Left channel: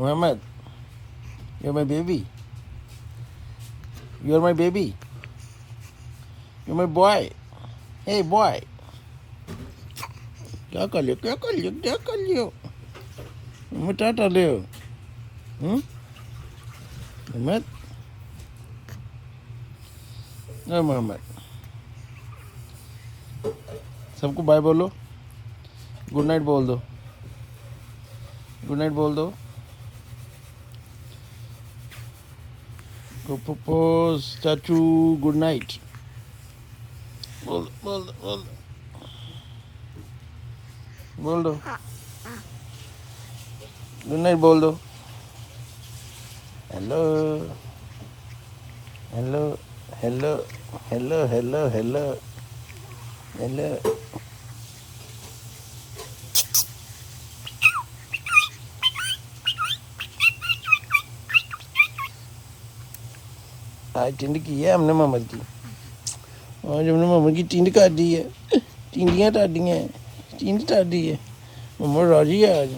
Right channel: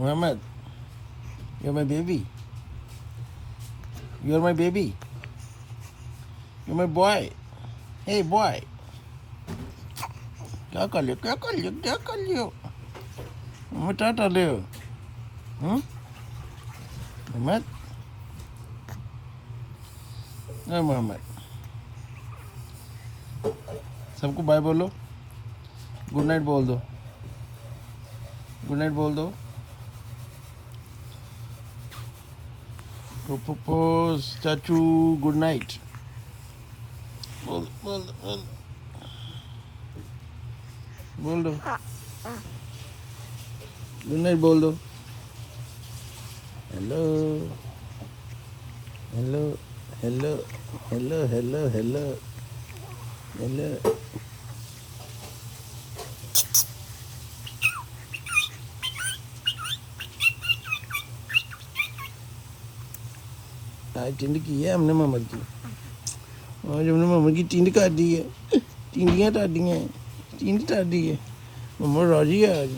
Muhammad, you're my baby. You're my baby. You're my boy. Hey boy. क्या कर लियो क्या कर लियो मैं टाटा लियो मोहम्मद मोहम्मद सबको बाय बोलो गुड नाइट बोल दो गुड नाइट बोल दो चाचू गुड नाइट बोल बोल बोल बोल दो गुड नाइट बोल दो hello hello hello hello hello hello hello आज टिंड की है हमने मोहम्मद की आज हमने मोहम्मद की टिंड काट दी है टिंडियाँ टाडियाँ टिंड टाडी है मोहम्मद राजी है आज